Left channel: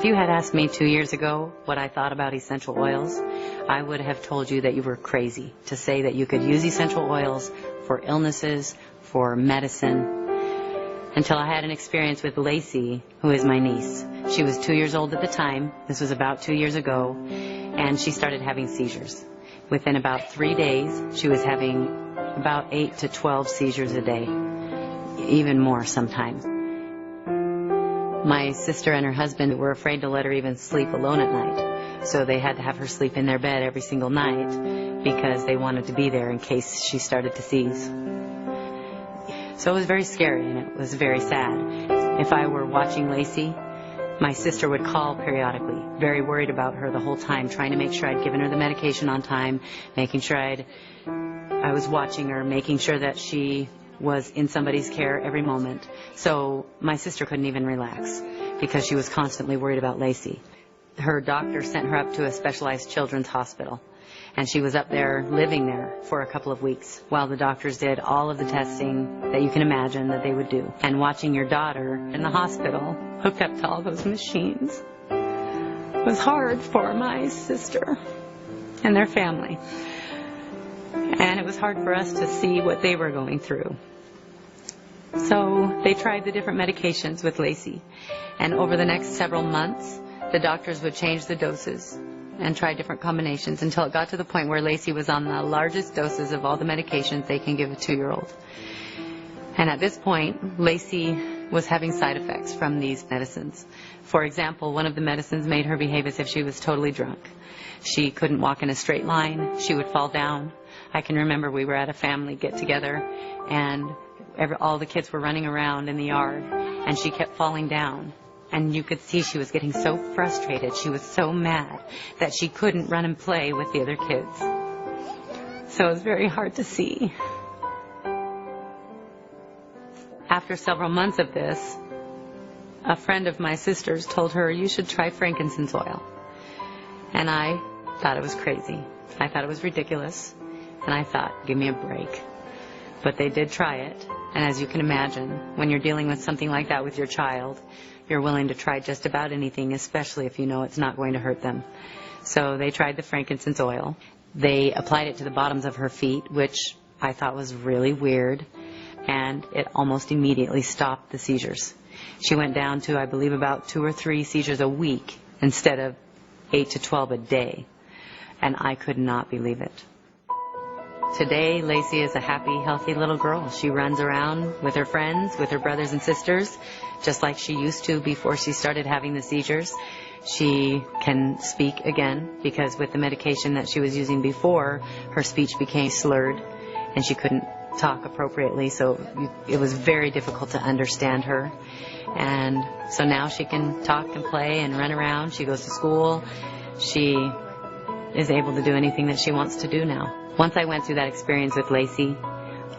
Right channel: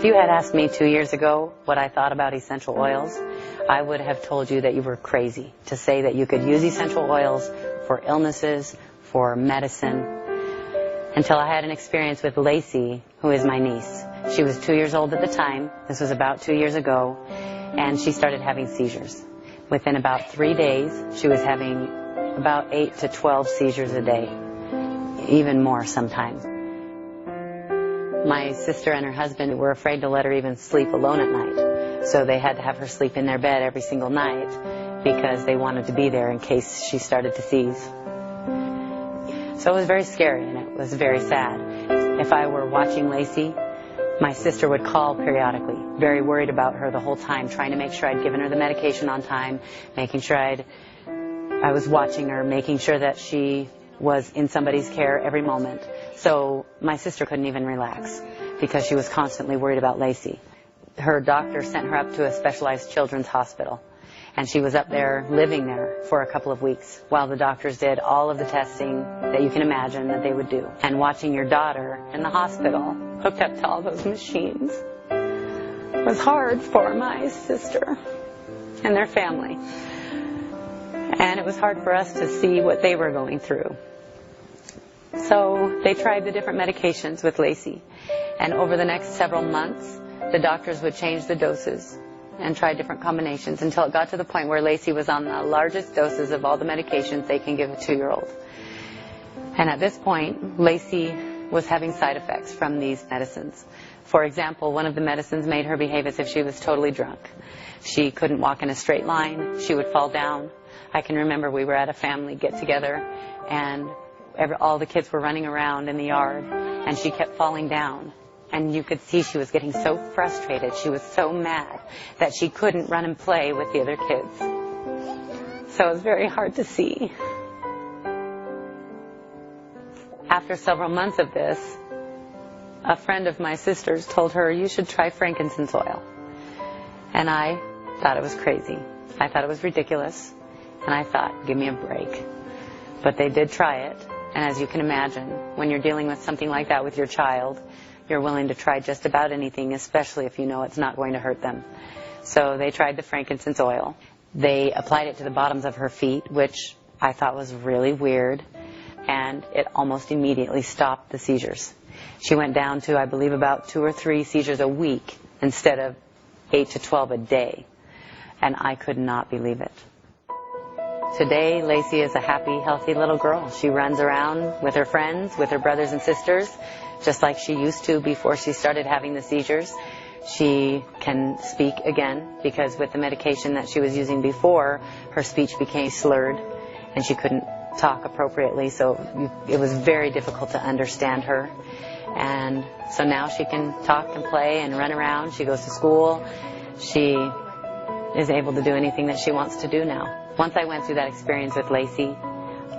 If you had asked me 2 years ago what I thought about essential oils, I would have told you that you were crazy to say that you could use essential oils for illnesses, for medicine, until I had an experience with Lacey, who is my niece. She was 2 years old at the time. This was about 2 years ago, and she started having seizures. Within about 3 days, she was having about 8 to 12 seizures a day, even more sometimes. My sister and her husband were afraid to let her even sleep alone at night, so they had to have her sleep in their bed every single night because they wanted to be there in case she started to seize. So it was very scary and it was very sad. If I were watching Lacey, my sister would call periodically, very worried about her the whole time, trying to make sure I'd given her the medication on time, making sure I was watching her, making sure that she was in somebody's care every moment. So my sister couldn't even relax because she was constantly worried about Lacey. Her doctor sent her up to a specialized children's hospital, and she was up there, living there for a couple of weeks while the doctors did all of the testing that you can imagine that they would do. And watching your daughter in the hospital hooked up to all those machines was hard for my sister and their family. And it was hard for us to see what they were going through. So they tried the different medications with Lacey. And over the next several months, the doctors would change the doses and try different combinations until it got to the point where Lacey was on the largest doses of all the medications they can give a 2-year-old. And at this point, Lacey was having side effects from these medicines. For example, one of the medicines made her behave as if she was totally drunk. She couldn't walk in a straight line. She would fall down. I can remember we were at a family get-together, and all the kids were running around in the yard, and she kept falling down. And you could see she was getting so frustrated. She was so mad that she couldn't run and play with the other kids. So it was very hard to see. After several months of this, a friend of my sister's told her, "You should try frankincense oil." And I thought it was crazy. I thought it was ridiculous. And I thought, give me a break. But they did try it. And as you can imagine, when you're dealing with something like that with your child, you're willing to try just about anything, especially if you know it's not going to hurt them. So they tried the frankincense oil. They applied it to the bottoms of her feet, which I thought was really weird. And it almost immediately stopped the seizures. She went down to, I believe, about 2 or 3 seizures a week instead of 8 to 12 a day. And I could not believe it. Today, Lacey is a happy, healthy little girl. She runs around with her friends, with her brothers and sisters, just like she used to before she started having the seizures. She can speak again because with the medication that she was using before, her speech became slurred and she couldn't talk appropriately, so it was very difficult to understand her. And so now she can talk and play and run around. She goes to school. She is able to do anything that she wants to do now. Once I went through that experience with Lacey,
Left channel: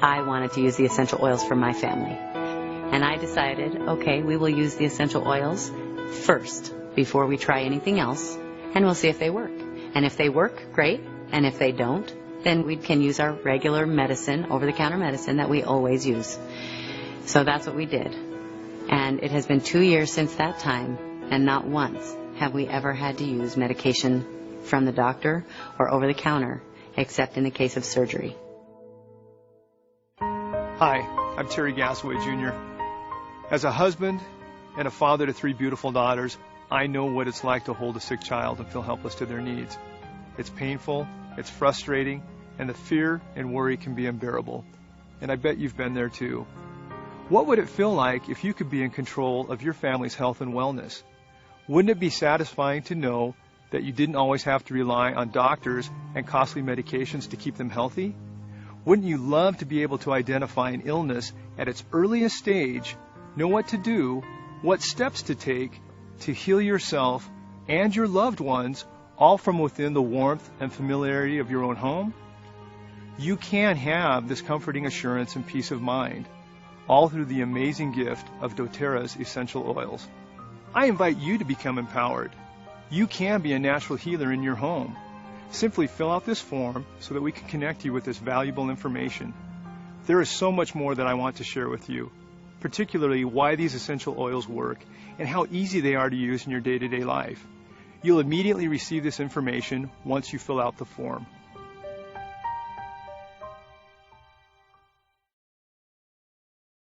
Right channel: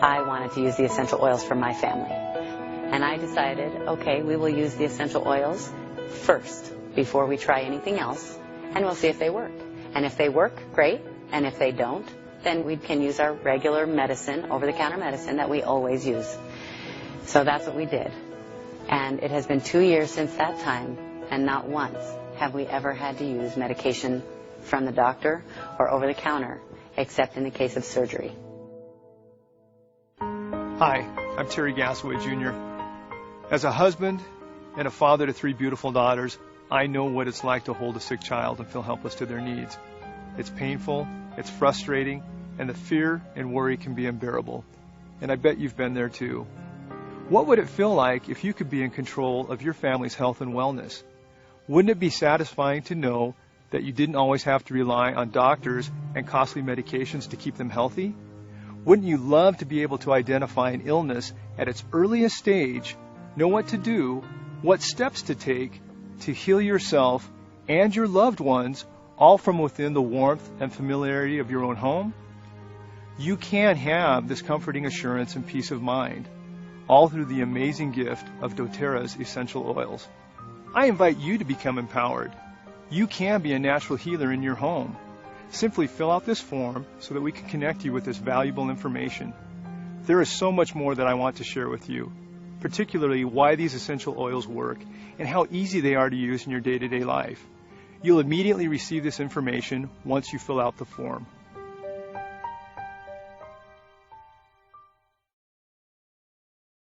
I wanted to use the essential oils for my family. And I decided, okay, we will use the essential oils first before we try anything else, and we'll see if they work. And if they work, great. And if they don't, then we can use our regular medicine, over-the-counter medicine that we always use. So that's what we did. And it has been 2 years since that time, and not once have we ever had to use medication from the doctor or over-the-counter, except in the case of surgery. Hi, I'm Terry Gasaway Jr. As a husband and a father to 3 beautiful daughters, I know what it's like to hold a sick child and feel helpless to their needs. It's painful, it's frustrating, and the fear and worry can be unbearable. And I bet you've been there too. What would it feel like if you could be in control of your family's health and wellness? Wouldn't it be satisfying to know that you didn't always have to rely on doctors and costly medications to keep them healthy? Wouldn't you love to be able to identify an illness at its earliest stage, know what to do, what steps to take to heal yourself and your loved ones, all from within the warmth and familiarity of your own home? You can have this comforting assurance and peace of mind, all through the amazing gift of doTERRA's essential oils. I invite you to become empowered. You can be a natural healer in your home. Simply fill out this form so that we can connect you with this valuable information. There is so much more that I want to share with you. particularly why these essential oils work and how easy they are to use in your day-to-day life. You'll immediately receive this information once you fill out the form.